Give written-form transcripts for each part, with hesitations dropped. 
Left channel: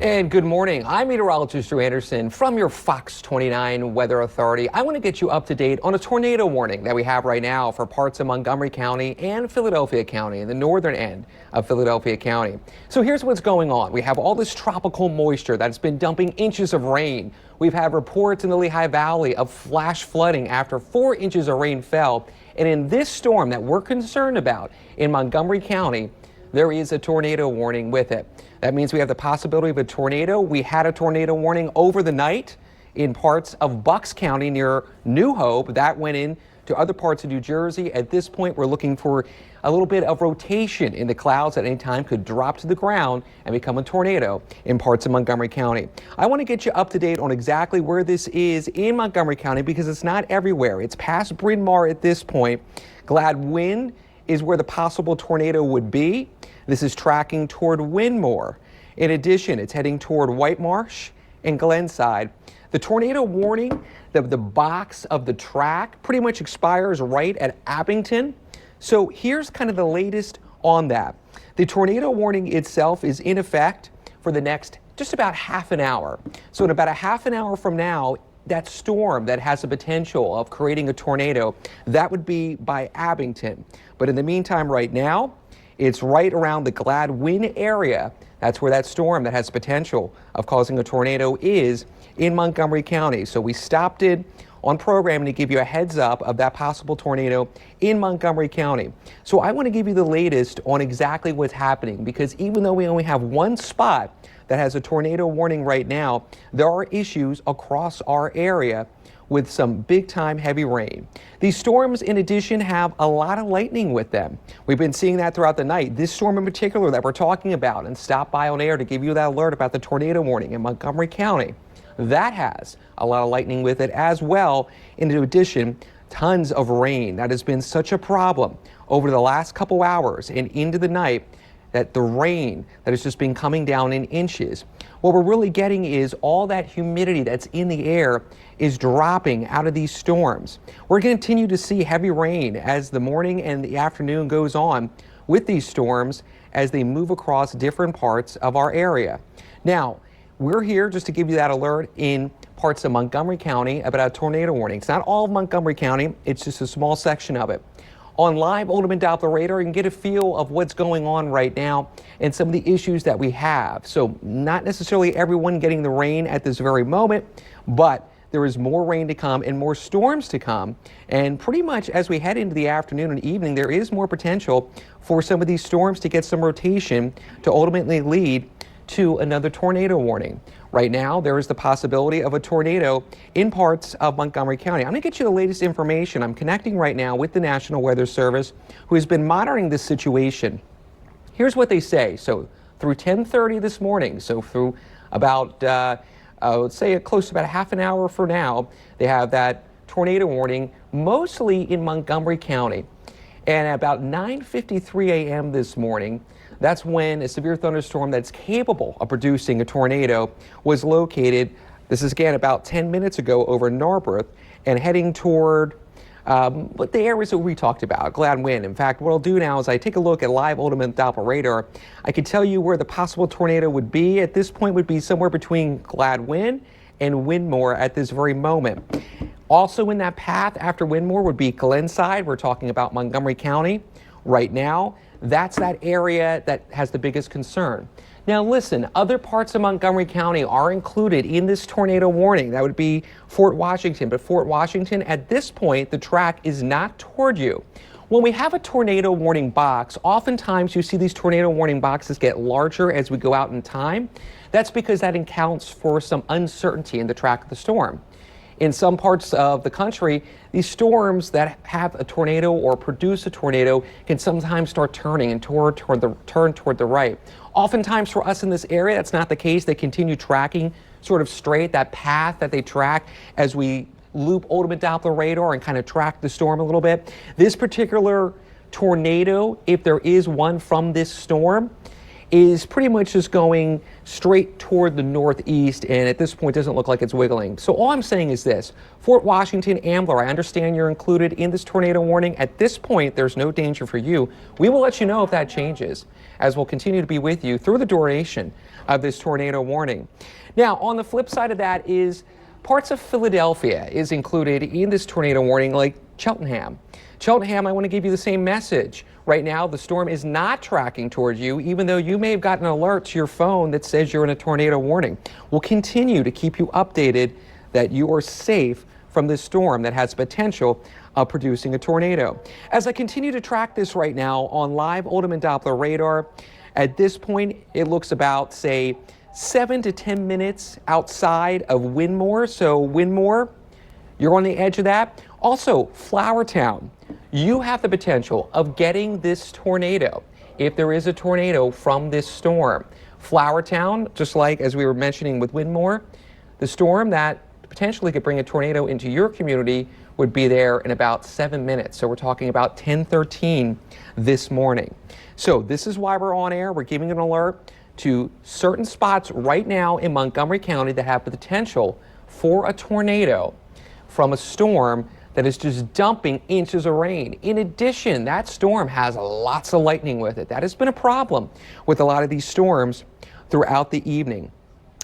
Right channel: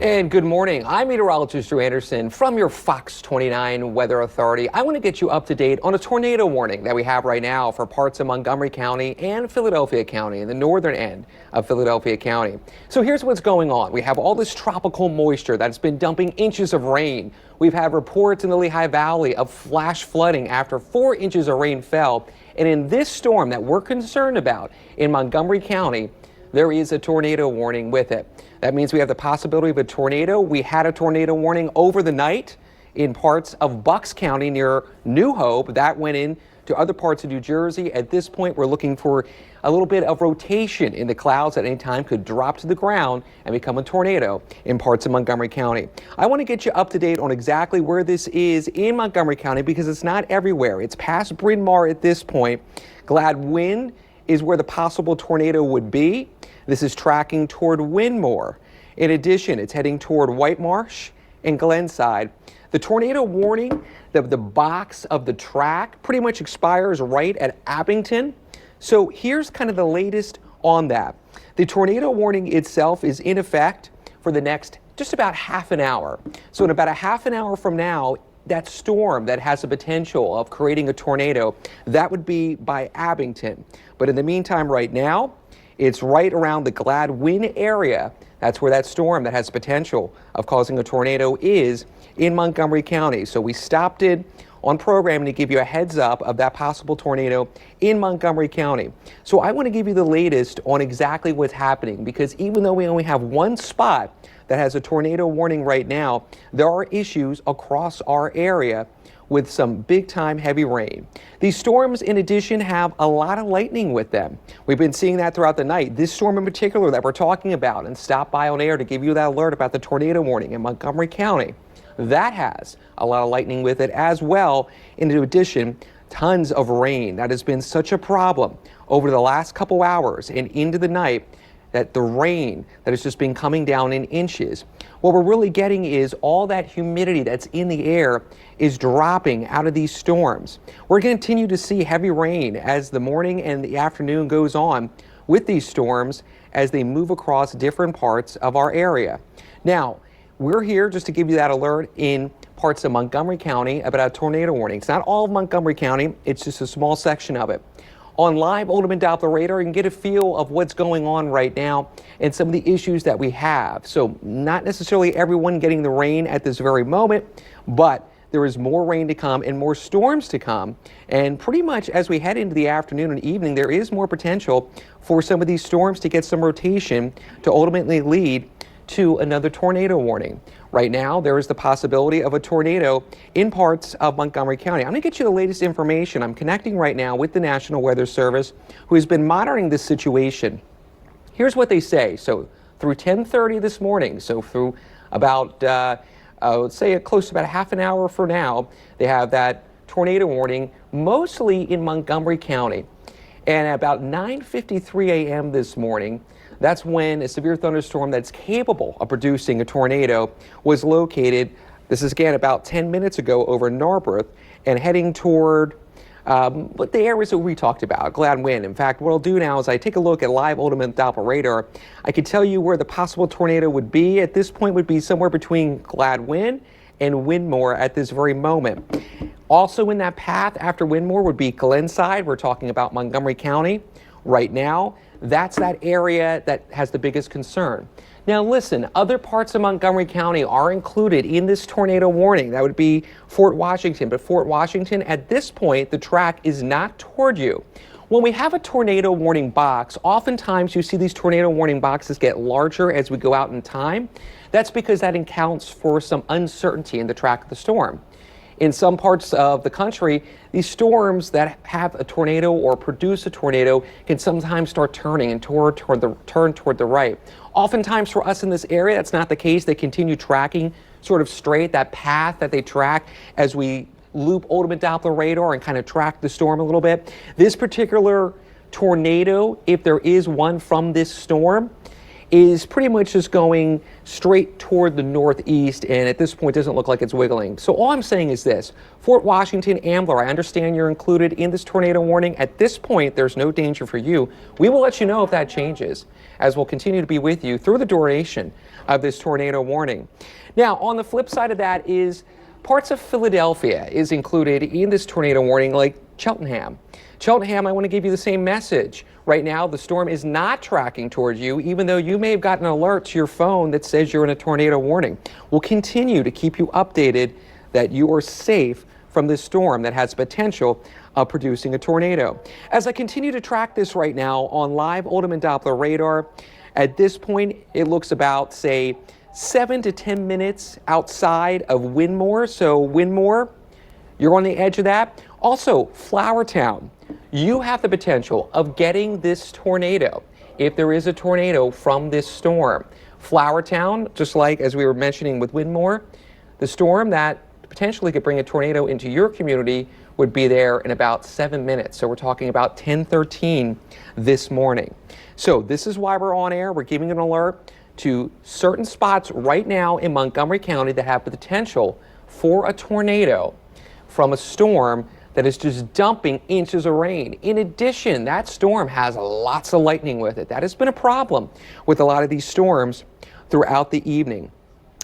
And good morning. I'm Meteorologist Drew Anderson from your FOX29 Weather Authority. I want to get you up to date on a tornado warning that we have right now for parts of Montgomery County and Philadelphia County, in the northern end of Philadelphia County. So here's what's going on. We have all this tropical moisture that's been dumping inches of rain. We've had reports in the Lehigh Valley of flash flooding after 4 inches of rain fell. And in this storm that we're concerned about in Montgomery County, there is a tornado warning with it. That means we have the possibility of a tornado. We had a tornado warning over the night in parts of Bucks County near New Hope. That went in to other parts of New Jersey. At this point, we're looking for a little bit of rotation in the clouds at any time could drop to the ground and become a tornado in parts of Montgomery County. I want to get you up to date on exactly where this is in Montgomery County because it's not everywhere. It's past Bryn Mawr at this point. Gladwin is where the possible tornado would be. This is tracking toward Winmore. In addition, it's heading toward White Marsh and Glenside. The tornado warning, the box of the track pretty much expires right at Abington. So here's kind of the latest on that. The tornado warning itself is in effect for the next just about half an hour. So in about a half an hour from now, that storm that has the potential of creating a tornado, that would be by Abington. But in the meantime, right now, it's right around the Gladwin area. That's where that storm that has potential of causing a tornado is in Montgomery County. So we stopped it on programming to give you a heads up of that possible tornado in Montgomery County. So I want to give you the latest on exactly what's happening because even though we only have one spot that has a tornado warning right now, there are issues across our area with some big-time heavy rain. These storms, in addition, have a lot of lightning with them. We've been seeing that throughout the night. This storm in particular that we're talking about and stopped by on air to give you that alert about the tornado warning in Montgomery County, that has a lot of lightning with it as well. In addition, tons of rain. That has been such a problem over the last couple hours and into the night that the rain that has just been coming down in inches. What we're really getting is all that humidity that's in the air is dropping out of these storms. We're going to continue to see heavy rain as the morning and the afternoon goes on with these storms as they move across different parts of our area. Now, we're here just to give you that alert in parts of Montgomery County about a tornado warning. It's not all of Montgomery County, it's just a small section of it. On live ultimate Doppler radar, you can get a feel of what's going on right now and some of the issues that we have. So not necessarily everyone getting the rain at this very moment, but there is more rain to come and more storms to come. And pretty much as we head into the afternoon and evening, there is more potential for some of these storms to get some rotation to ultimately lead to another tornado warning. Right now, there is the possibility of a tornado in parts of Montgomery County. I'm going to get you the latest information. I'm connecting right now with the National Weather Service, who has been monitoring this situation. Here's what they say. So through 10:30 this morning, so through about, let's say close to about a half an hour for now, they have that tornado warning mostly in Montgomery County. And at about 9:53 a.m. this morning, that's when a severe thunderstorm that's capable of producing a tornado was located. This is again about 10 minutes ago over Narberth and heading toward the areas that we talked about, Gladwin. In fact, what I'll do now is I take a look at live ultimate Doppler radar. I can tell you where the possible tornado would be. At this point would be somewhere between Gladwin and Winmore at this very moment. Also in that path after Winmore would be Glenside. We're talking about Montgomery County right now. That's that area that has the biggest concern. Now listen, other parts of Montgomery County are included in this tornado warning. That would be Fort Washington, but Fort Washington at this point, the track is not toward you. When we have a tornado warning box, oftentimes you see these tornado warning boxes get larger as we go out in time. That's because that accounts for some uncertainty in the track of the storm. In some parts of the country, these storms that have a tornado or produce a tornado can sometimes start turning and turn toward the right. Oftentimes for us in this area, that's not the case. They continue tracking sort of straight, that path that they track as we loop ultimate Doppler radar and kind of track the storm a little bit. This particular tornado, if there is one from this storm, is pretty much just going straight toward the northeast, and at this point doesn't look like it's wiggling. So all I'm saying is this: Fort Washington, Ambler, I understand you're included in this tornado warning. At this point, there's no danger for you. We will let you know if that changes, as we'll continue to be with you through the duration of this tornado warning. Now, on the flip side of that is parts of Philadelphia is included in this tornado warning, like Cheltenham. Cheltenham, I want to give you the same message. Right now, the storm is not tracking towards you, even though you may have gotten an alert to your phone that says you're in a tornado warning. We'll continue to keep you updated that you are safe from this storm that has potential of producing a tornado. As I continue to track this right now on live Oldham and Doppler radar, at this point, it looks about, say, 7 to 10 minutes outside of Winmore. So Winmore, you're on the edge of that. Also, Flowertown, you have the potential of getting this tornado if there is a tornado from this storm. Flowertown, just like as we were mentioning with Winmore, the storm that potentially could bring a tornado into your community would be there in about 7 minutes. So we're talking about 10:13 this morning. So this is why we're on air. We're giving an alert to certain spots right now in Montgomery County that have the potential for a tornado from a storm that is just dumping inches of rain. In addition, that storm has lots of lightning with it. That has been a problem with a lot of these storms throughout the evening.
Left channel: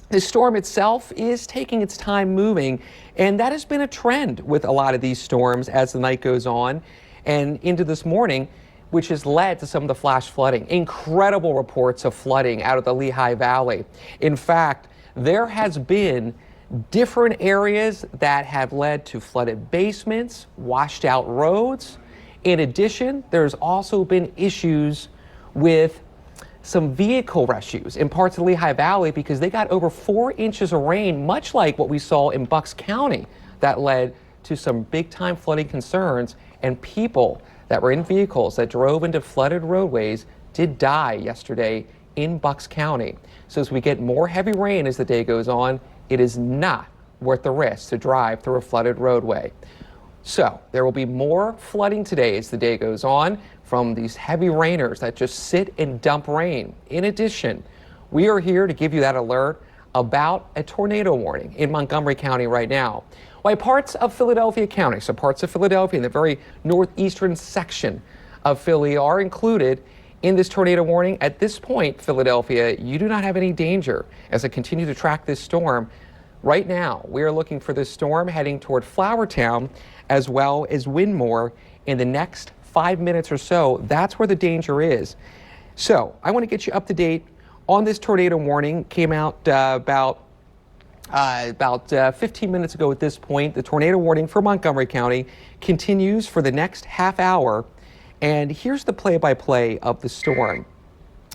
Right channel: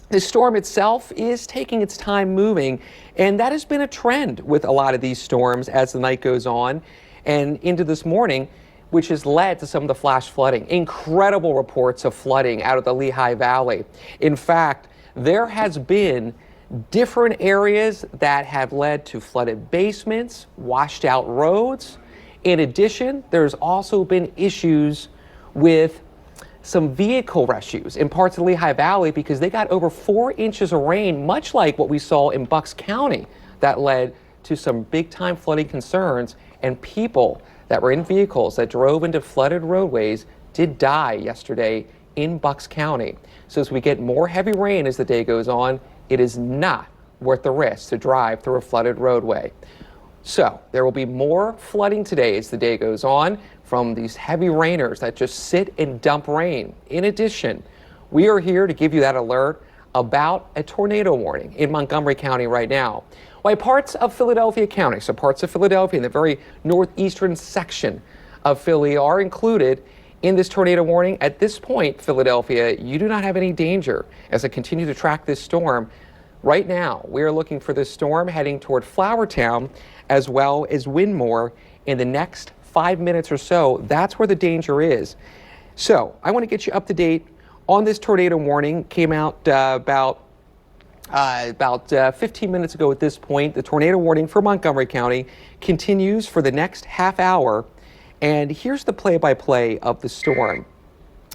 The storm itself is taking its time moving, and that has been a trend with a lot of these storms as the night goes on and into this morning, which has led to some of the flash flooding. Incredible reports of flooding out of the Lehigh Valley. In fact, there has been different areas that have led to flooded basements, washed out roads. In addition, there's also been issues with some vehicle rescues in parts of the Lehigh Valley because they got over 4 inches of rain, much like what we saw in Bucks County, that led to some big time flooding concerns, and people that were in vehicles that drove into flooded roadways did die yesterday in Bucks County. So as we get more heavy rain as the day goes on, it is not worth the risk to drive through a flooded roadway. So there will be more flooding today as the day goes on from these heavy rainers that just sit and dump rain. In addition, we are here to give you that alert about a tornado warning in Montgomery County right now. While parts of Philadelphia County, so parts of Philadelphia in the very northeastern section of Philly are included in this tornado warning, at this point, Philadelphia, you do not have any danger. As I continue to track this storm, right now, we are looking for this storm heading toward Flowertown as well as Winmore in the next 5 minutes or so. That's where the danger is. So I want to get you up to date on this tornado warning. Came out about 15 minutes ago at this point. The tornado warning for Montgomery County continues for the next half hour. And here's the play-by-play of the storm.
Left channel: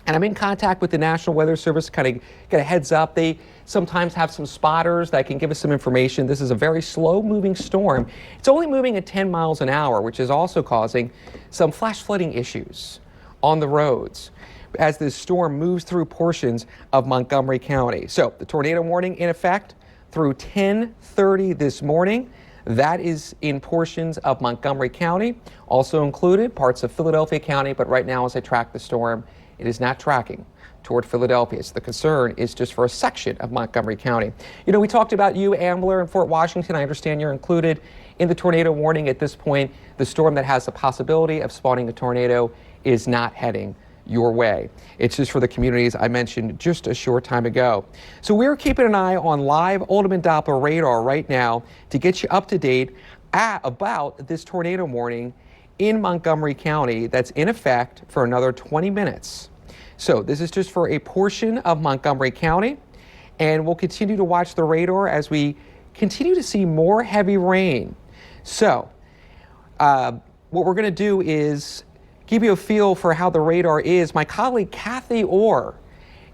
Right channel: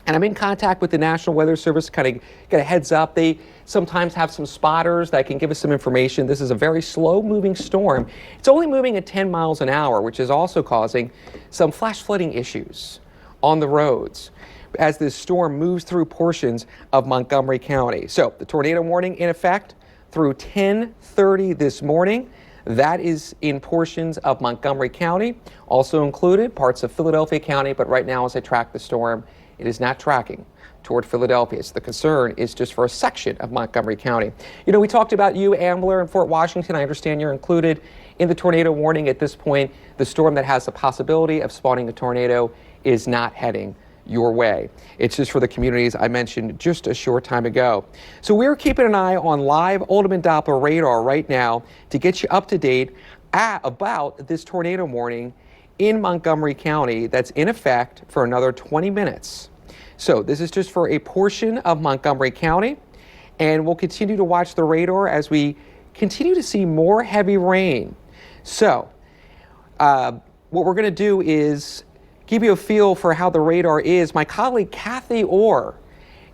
And I'm in contact with the National Weather Service, kind of get a heads up. They sometimes have some spotters that can give us some information. This is a very slow-moving storm. It's only moving at 10 miles an hour, which is also causing some flash flooding issues on the roads as this storm moves through portions of Montgomery County. So the tornado warning in effect through 10:30 this morning. That is in portions of Montgomery County, also included parts of Philadelphia County, but right now as I track the storm, it is not tracking toward Philadelphia. So the concern is just for a section of Montgomery County. You know, we talked about you, Ambler, and Fort Washington. I understand you're included in the tornado warning at this point. The storm that has the possibility of spawning a tornado is not heading your way. It's just for the communities I mentioned just a short time ago. So we're keeping an eye on live Oldham and Doppler radar right now to get you up to date about this tornado warning in Montgomery County that's in effect for another 20 minutes. So this is just for a portion of Montgomery County, and we'll continue to watch the radar as we continue to see more heavy rain. So what we're going to do is give you a feel for how the radar is. My colleague Kathy Orr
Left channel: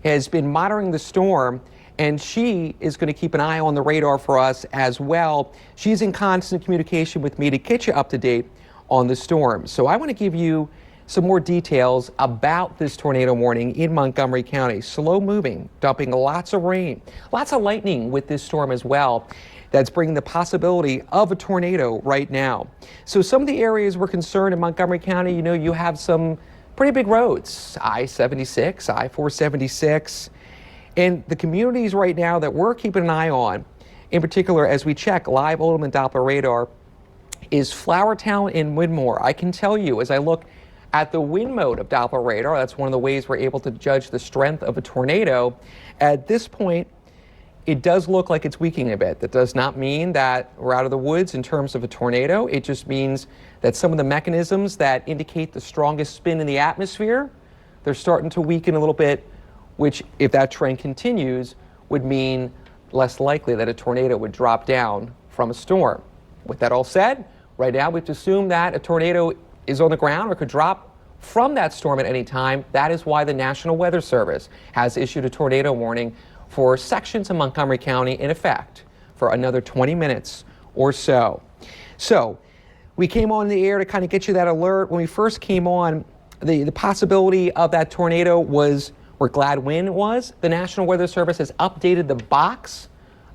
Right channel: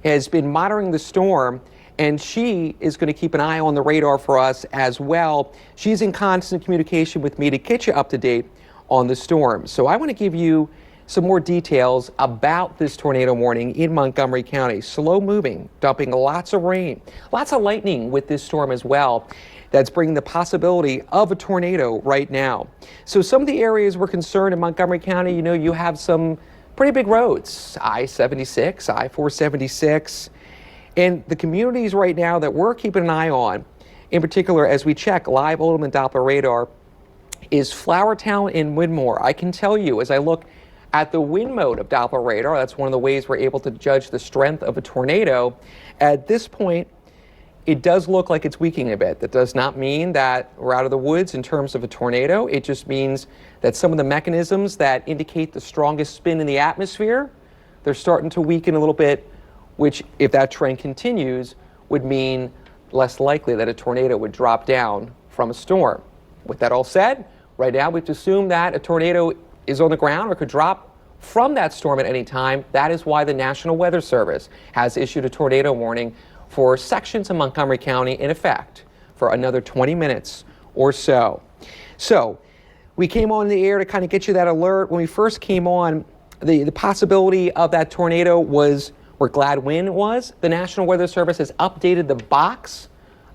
has been monitoring the storm, and she is going to keep an eye on the radar for us as well. She's in constant communication with me to get you up to date on the storm. So I want to give you some more details about this tornado warning in Montgomery County. Slow moving, dumping lots of rain, lots of lightning with this storm as well. That's bringing the possibility of a tornado right now. So some of the areas we're concerned in Montgomery County, you know, you have some pretty big roads, I-76, I-476, and the communities right now that we're keeping an eye on, in particular as we check live Oldham and Doppler radar, is Flowertown and Winmore. I can tell you, as I look at the wind mode of Doppler radar, that's one of the ways we're able to judge the strength of a tornado. At this point, it does look like it's weakening a bit. That does not mean that we're out of the woods in terms of a tornado. It just means that some of the mechanisms that indicate the strongest spin in the atmosphere, they're starting to weaken a little bit, which, if that trend continues, would mean less likely that a tornado would drop down from a storm. With that all said, right now we have to assume that a tornado is on the ground or could drop from that storm at any time. That is why the National Weather Service has issued a tornado warning for sections of Montgomery County in effect for another 20 minutes or so. So we came on the air to kind of get you that alert. When we first came on, the possibility of that tornado was where glad wind was. The National Weather Service has updated the box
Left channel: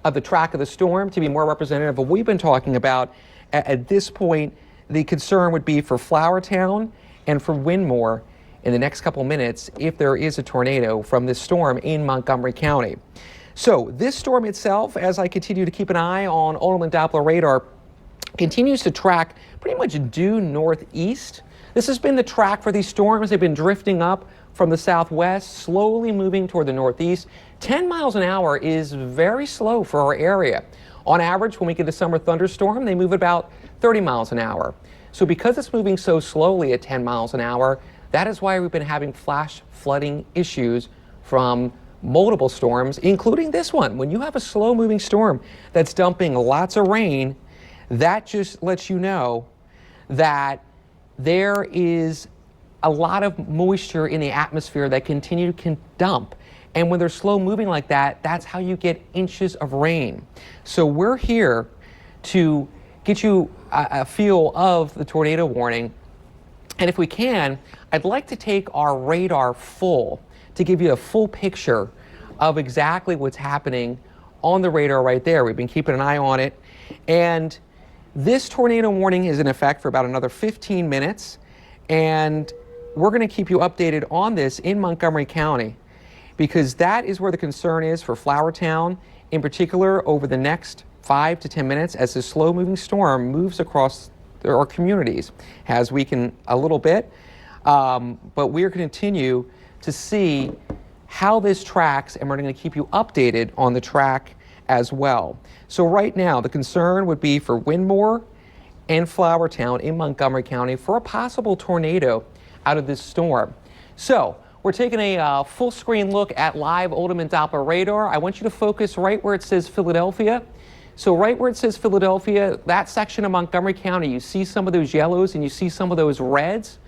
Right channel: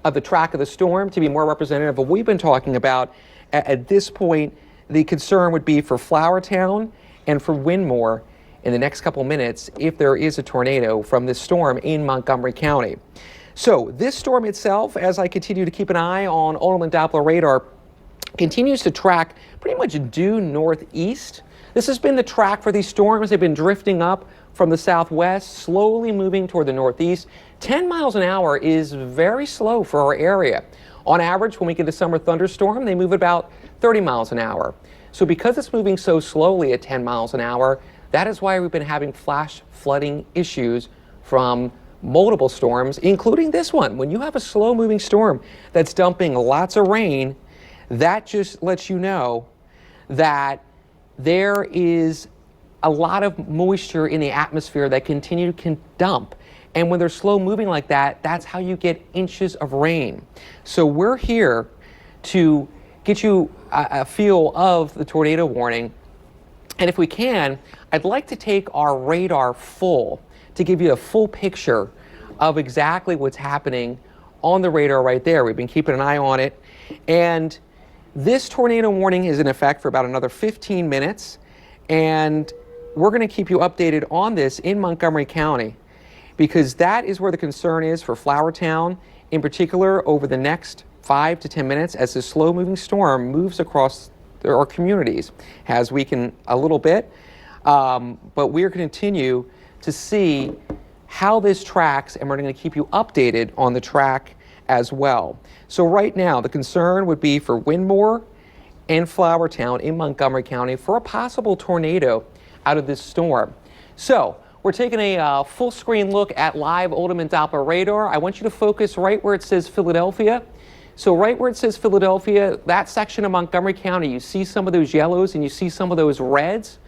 of the track of the storm to be more representative of what we've been talking about. At this point, the concern would be for Flowertown and for Winmore in the next couple minutes if there is a tornado from this storm in Montgomery County. So this storm itself, as I continue to keep an eye on Oldham and Doppler radar, continues to track pretty much due northeast. This has been the track for these storms. They've been drifting up from the southwest, slowly moving toward the northeast. 10 miles an hour is very slow for our area. On average, when we get a summer thunderstorm, they move about 30 miles an hour. So because it's moving so slowly at 10 miles an hour, that is why we've been having flash flooding issues from multiple storms, including this one. When you have a slow-moving storm that's dumping lots of rain, that just lets you know that there is a lot of moisture in the atmosphere that can dump. And when they're slow moving like that, that's how you get inches of rain. So we're here to get you a feel of the tornado warning. And if we can, I'd like to take our radar full to give you a full picture of exactly what's happening on the radar right there. We've been keeping an eye on it. And this tornado warning is in effect for about another 15 minutes. And we're going to keep you updated on this in Montgomery County, because that is where the concern is for Flowertown in particular over the next 5 to 10 minutes as this slow-moving storm moves across our communities. Has weakened a little bit, but we're going to continue to see how this tracks, and we're going to keep you updated on the track as well. So right now, the concern would be for Winmore and Flowertown in Montgomery County for a possible tornado out of this storm. So we're taking a full screen look at live Oldham and Doppler radar. I want you to focus right where it says Philadelphia. So right where it says Philadelphia, that section of Montgomery County, you see some of those yellows and you see some of those reds.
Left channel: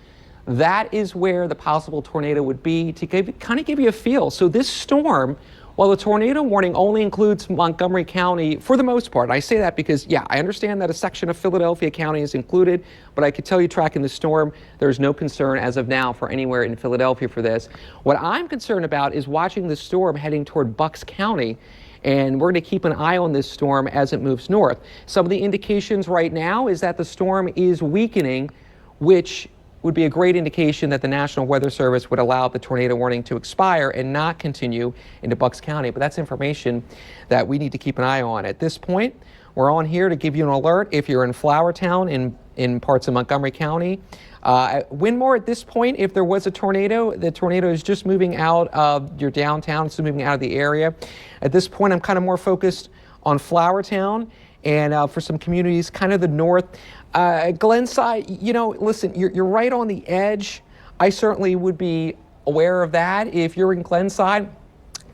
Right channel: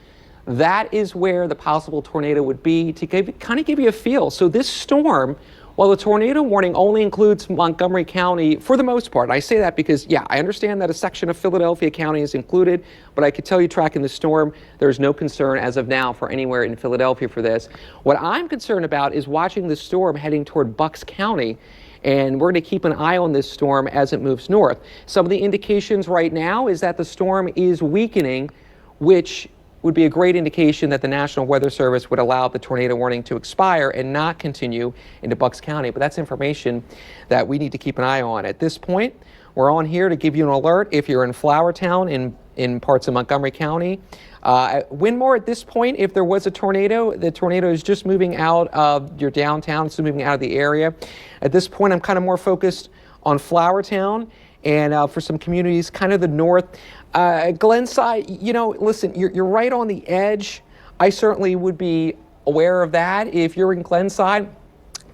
That is where the possible tornado would be, to kind of give you a feel. So this storm, while the tornado warning only includes Montgomery County for the most part, and I say that because, yeah, I understand that a section of Philadelphia County is included, but I could tell you tracking the storm, there's no concern as of now for anywhere in Philadelphia for this. What I'm concerned about is watching the storm heading toward Bucks County, and we're going to keep an eye on this storm as it moves north. Some of the indications right now is that the storm is weakening, which would be a great indication that the National Weather Service would allow the tornado warning to expire and not continue into Bucks County. But that's information that we need to keep an eye on. At this point, we're on here to give you an alert if you're in Flowertown in parts of Montgomery County. Winmore, at this point, if there was a tornado, the tornado is just moving out of your downtown, it's moving out of the area. At this point, I'm kind of more focused on Flowertown and for some communities kind of the north. Glenside, you know, listen, you're right on the edge. I certainly would be aware of that. If you're in Glenside,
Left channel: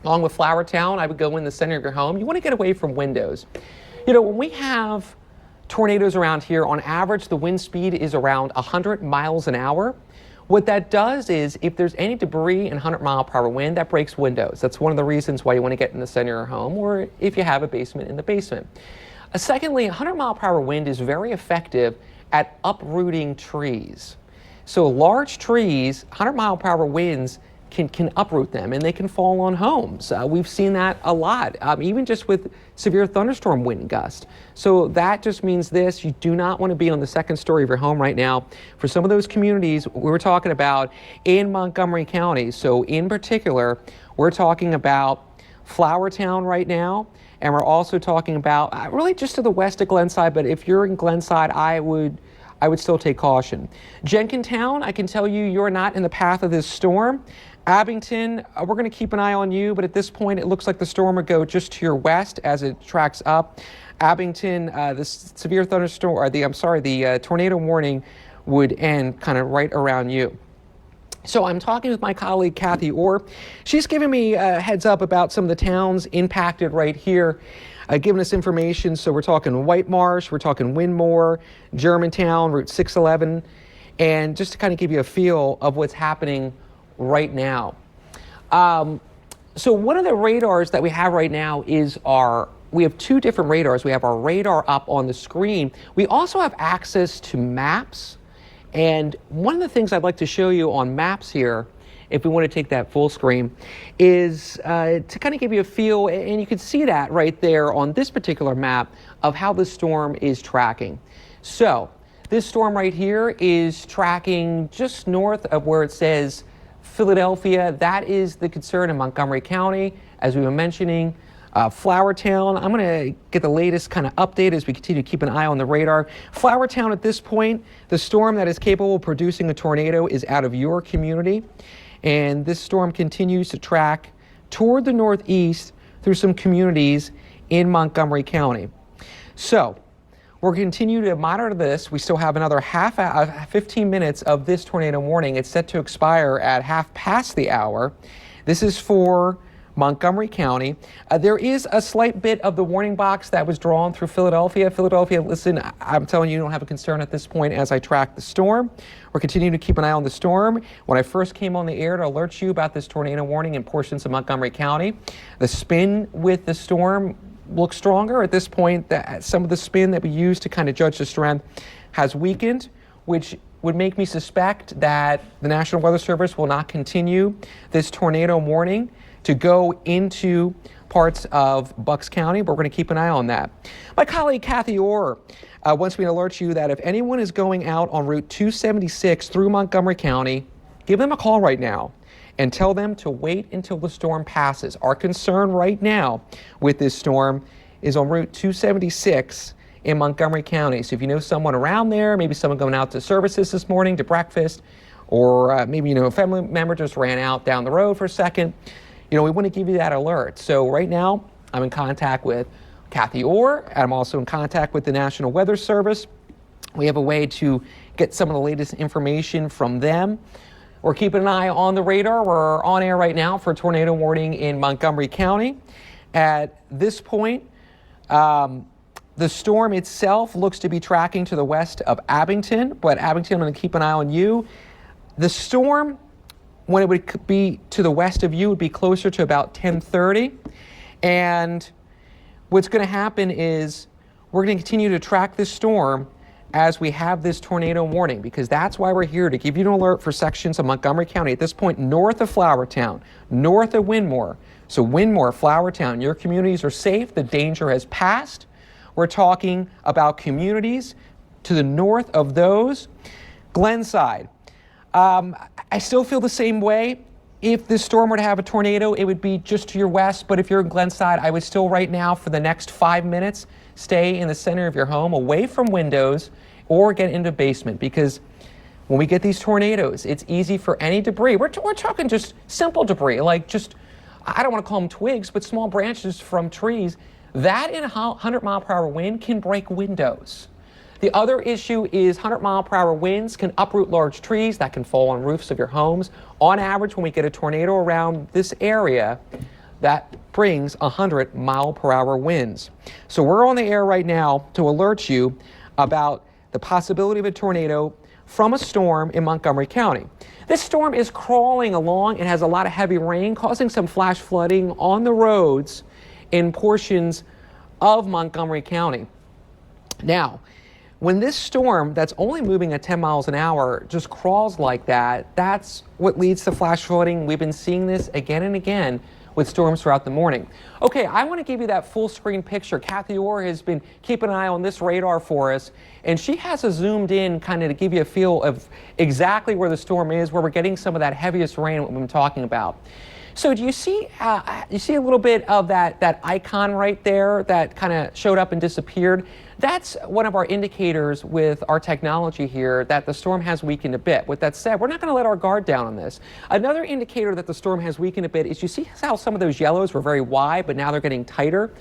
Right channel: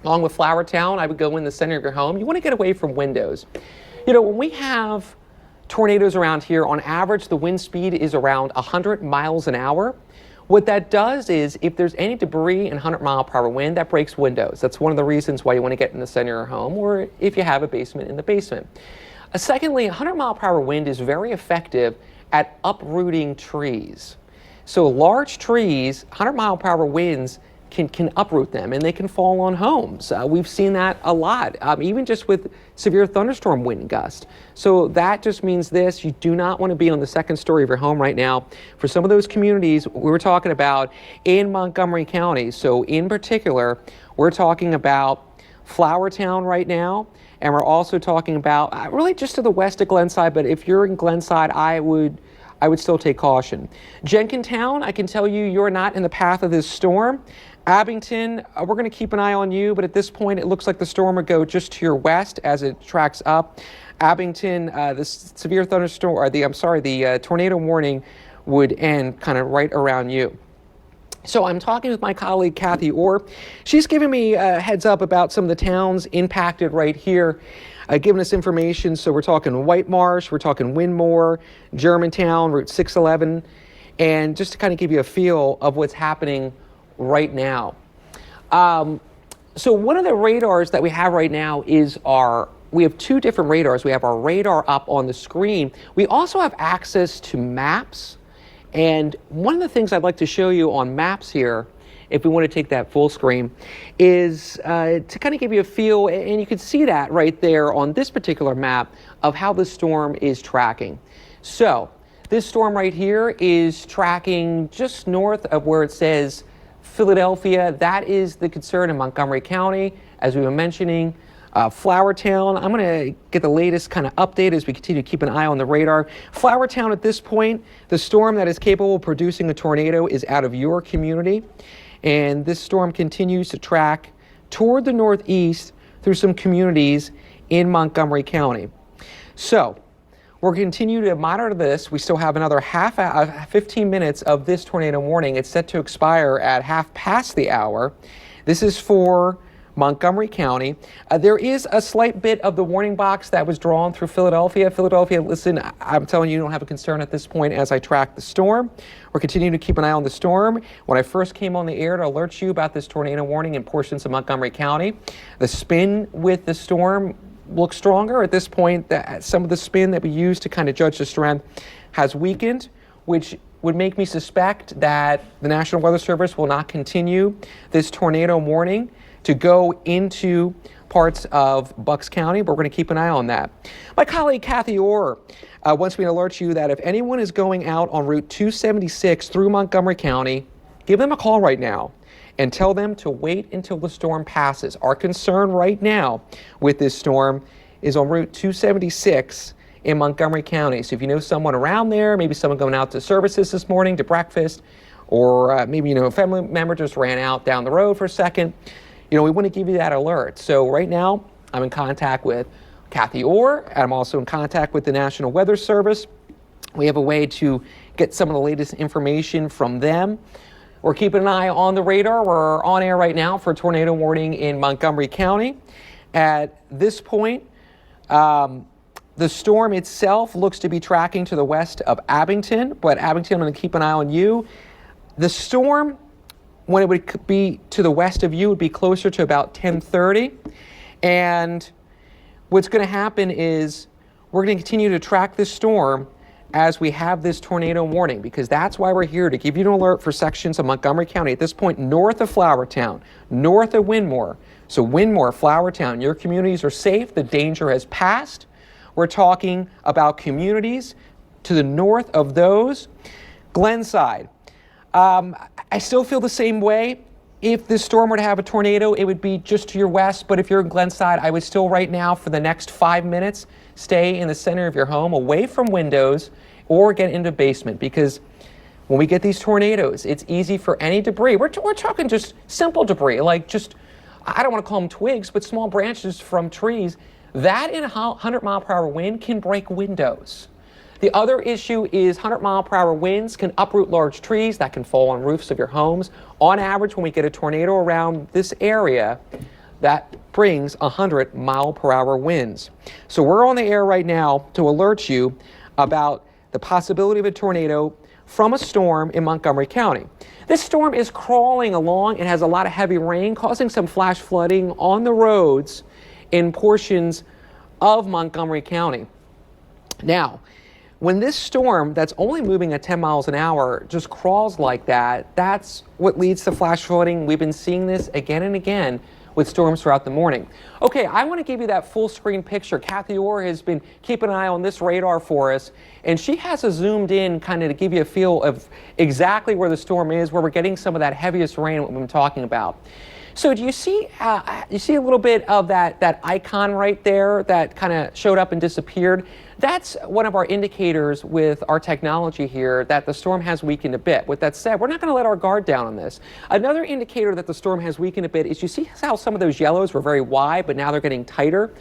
along with Flowertown, I would go in the center of your home. You want to get away from windows. You know, when we have tornadoes around here, on average, the wind speed is around 100 miles an hour. What that does is, if there's any debris and 100-mile-per-hour wind, that breaks windows. That's one of the reasons why you want to get in the center of your home, or if you have a basement, in the basement. Secondly, 100-mile-per-hour wind is very effective at uprooting trees. So large trees, 100-mile-per-hour winds can uproot them, and they can fall on homes. We've seen that a lot, even just with severe thunderstorm wind gust. So that just means this: you do not want to be on the second story of your home right now. For some of those communities we were talking about in Montgomery County, so in particular, we're talking about Flowertown right now, and we're also talking about really just to the west of Glenside, but if you're in Glenside, I would still take caution. Jenkintown, I can tell you, you're not in the path of this storm. Abington, we're going to keep an eye on you, but at this point, it looks like the storm would go just to your west as it tracks up. Abington, the severe thunderstorm, or the tornado warning would end kind of right around you. So I'm talking with my colleague, Kathy Orr. She's giving me a heads up about some of the towns impacted right here, giving us information. So we're talking White Marsh, we're talking Windmore, Germantown, Route 611, and just to kind of give you a feel of what's happening right now. So one of the radars that we have right now is we have two different radars. We have our radar up on the screen. We also have access to maps. And one of the things I'd like to show you on maps here, if we want to take that full screen, is to kind of give you a feel, and you can see that right there on this particular map of how the storm is tracking. So this storm right here is tracking just north of where it says Philadelphia. That is the concern in Montgomery County, as we were mentioning. Flowertown, I'm going to get the latest kind of update as we continue to keep an eye on the radar. Flowertown, at this point, the storm that is capable of producing a tornado is out of your community, and this storm continues to track toward the northeast through some communities in Montgomery County. So we'll continue to monitor this. We still have another 15 minutes of this tornado warning. It's set to expire at 1:30. This is for Montgomery County. There is a slight bit of the warning box that was drawn through Philadelphia. Philadelphia, listen, I'm telling you, you don't have a concern at this point as I track the storm. We're continuing to keep an eye on the storm. When I first came on the air to alert you about this tornado warning in portions of Montgomery County, the spin with the storm looks stronger. At this point, some of the spin that we use to kind of judge the strength has weakened, which would make me suspect that the National Weather Service will not continue this tornado warning to go into parts of Bucks County, but we're going to keep an eye on that. My colleague Kathy Orr wants me to alert you that if anyone is going out on Route 276 through Montgomery County, give them a call right now and tell them to wait until the storm passes. Our concern right now with this storm is on Route 276 in Montgomery County. So if you know someone around there, maybe someone going out to services this morning, to breakfast, or maybe a family member just ran out down the road for a second, we want to give you that alert. So right now, I'm in contact with Kathy Orr, and I'm also in contact with the National Weather Service. We have a way to get some of the latest information from them. We're keeping an eye on the radar. We're on air right now for a tornado warning in Montgomery County. At this point, the storm itself looks to be tracking to the west of Abington, but Abington, I'm going to keep an eye on you. The storm, when it would be to the west of you, would be closer to about 10:30. And what's going to happen is we're going to continue to track this storm as we have this tornado warning, because that's why we're here, to give you an alert for sections of Montgomery County at this point north of Flowertown, north of Windmore. So Windmore, Flowertown, your communities are safe. The danger has passed. We're talking about communities to the north of those. Glenside. I still feel the same way. If this storm were to have a tornado, it would be just to your west. But if you're in Glenside, I would still right now, for the next 5 minutes, stay in the center of your home, away from windows, or get into the basement. Because when we get these tornadoes, it's easy for any debris. We're talking just simple debris, like just, I don't want to call them twigs, but small branches from trees. That in a 100-mile-per-hour wind can break windows. The other issue is 100-mile-per-hour winds can uproot large trees that can fall on roofs of your homes. On average, when we get a tornado around this area, that brings 100-mile-per-hour winds. So we're on the air right now to alert you about the possibility of a tornado from a storm in Montgomery County. This storm is crawling along. It has a lot of heavy rain, causing some flash flooding on the roads in portions of Montgomery County. Now, when this storm that's only moving at 10 miles an hour just crawls like that, that's what leads to flash flooding. We've been seeing this again and again with storms throughout the morning. Okay, I want to give you that full screen picture. Kathy Orr has been keeping an eye on this radar for us, and she has us zoomed in kind of to give you a feel of exactly where the storm is, where we're getting some of that heaviest rain we've been talking about. So do you see a little bit of that icon right there that kind of showed up and disappeared? That's one of our indicators with our technology here that the storm has weakened a bit. With that said, we're not going to let our guard down on this. Another indicator that the storm has weakened a bit is you see how some of those yellows were very wide, but now they're getting tighter.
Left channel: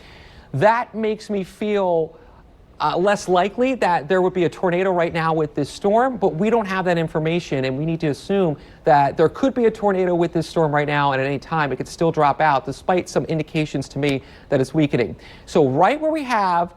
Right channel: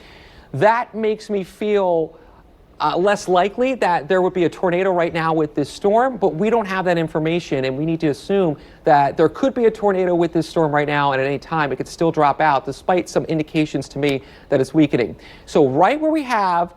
That makes me feel less likely that there would be a tornado right now with this storm, but we don't have that information, and we need to assume that there could be a tornado with this storm right now, and at any time it could still drop out, despite some indications to me that it's weakening. So right where we have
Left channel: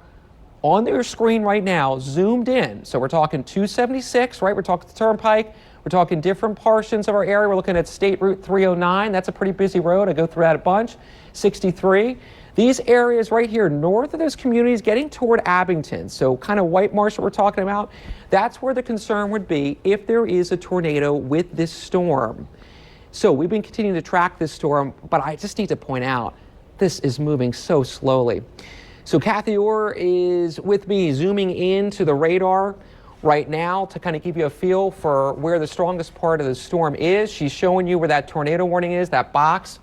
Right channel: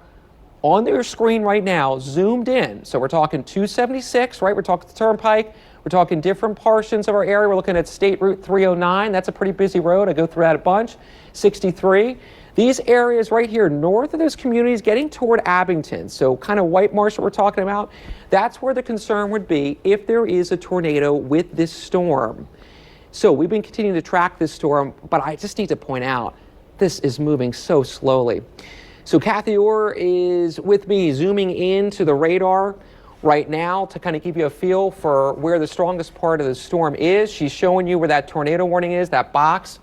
on your screen right now, zoomed in, so we're talking 276, right? We're talking the Turnpike. We're talking different portions of our area. We're looking at State Route 309. That's a pretty busy road. I go through that a bunch. 63. These areas right here, north of those communities, getting toward Abington, so kind of White Marsh that we're talking about, that's where the concern would be if there is a tornado with this storm. So we've been continuing to track this storm, but I just need to point out, this is moving so slowly. So Kathy Orr is with me, zooming into the radar right now to kind of give you a feel for where the strongest part of the storm is. She's showing you where that tornado warning is, that box.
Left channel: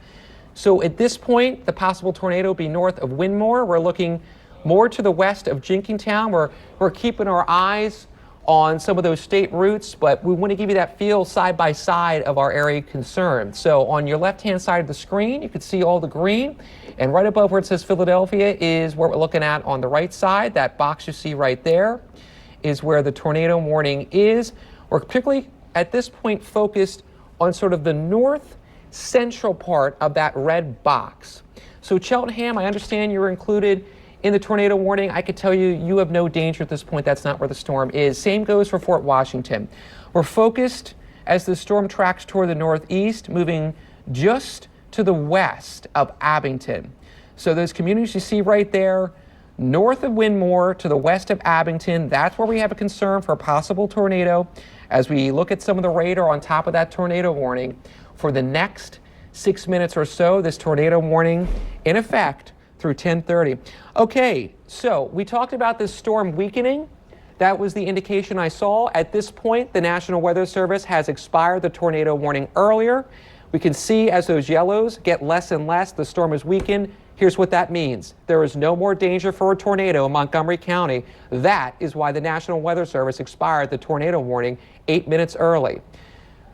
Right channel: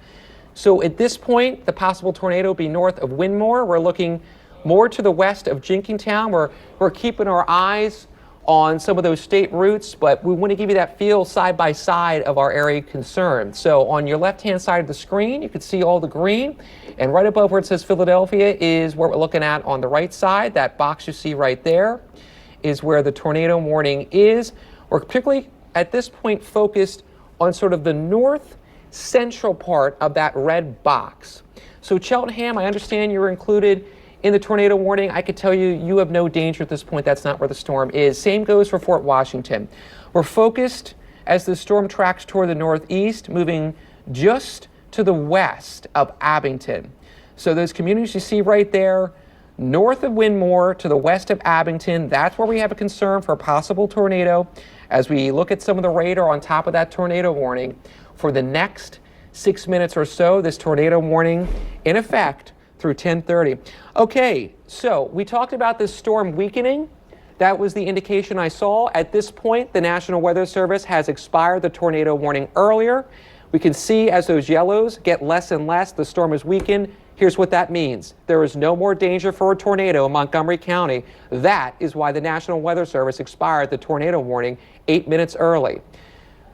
So at this point, the possible tornado will be north of Winmore. We're looking more to the west of Jenkintown. We're keeping our eyes on some of those state routes, but we want to give you that feel side by side of our area concern. So on your left-hand side of the screen, you can see all the green, and right above where it says Philadelphia is where we're looking at on the right side. That box you see right there is where the tornado warning is. We're particularly at this point focused on sort of the north central part of that red box. So Cheltenham, I understand you were included in the tornado warning. I could tell you, you have no danger at this point. That's not where the storm is. Same goes for Fort Washington. We're focused as the storm tracks toward the northeast, moving just to the west of Abington. So those communities you see right there, north of Winmore to the west of Abington, that's where we have a concern for a possible tornado. As we look at some of the radar on top of that tornado warning, for the next 6 minutes or so, this tornado warning in effect through 10:30. Okay, so we talked about this storm weakening. That was the indication I saw. At this point, the National Weather Service has expired the tornado warning earlier. We can see as those yellows get less and less, the storm is weakened. Here's what that means. There is no more danger for a tornado in Montgomery County. That is why the National Weather Service expired the tornado warning 8 minutes early.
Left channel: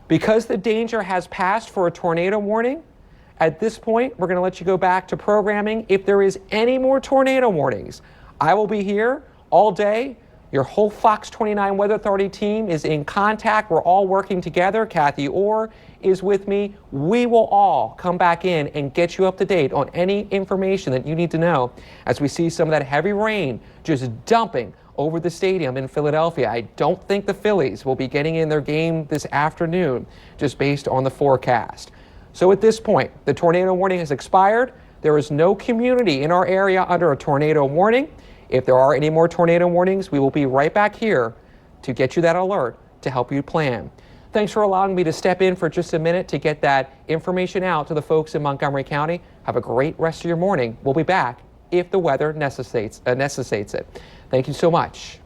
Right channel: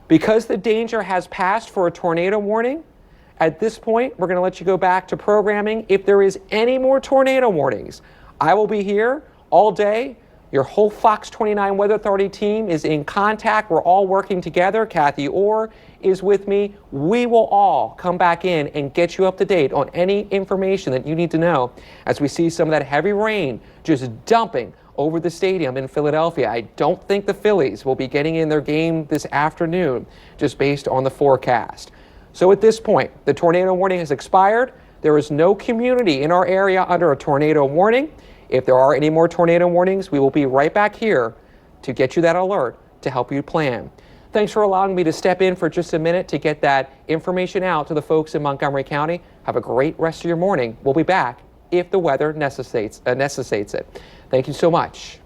Because the danger has passed for a tornado warning, at this point, we're going to let you go back to programming. If there is any more tornado warnings, I will be here all day. Your whole Fox 29 Weather Authority team is in contact. We're all working together. Kathy Orr is with me. We will all come back in and get you up to date on any information that you need to know as we see some of that heavy rain just dumping over the stadium in Philadelphia. I don't think the Phillies will be getting in their game this afternoon just based on the forecast. So at this point, the tornado warning has expired. There is no community in our area under a tornado warning. If there are any more tornado warnings, we will be right back here to get you that alert to help you plan. Thanks for allowing me to step in for just a minute to get that information out to the folks in Montgomery County. Have a great rest of your morning. We'll be back if the weather necessitates it. Thank you so much.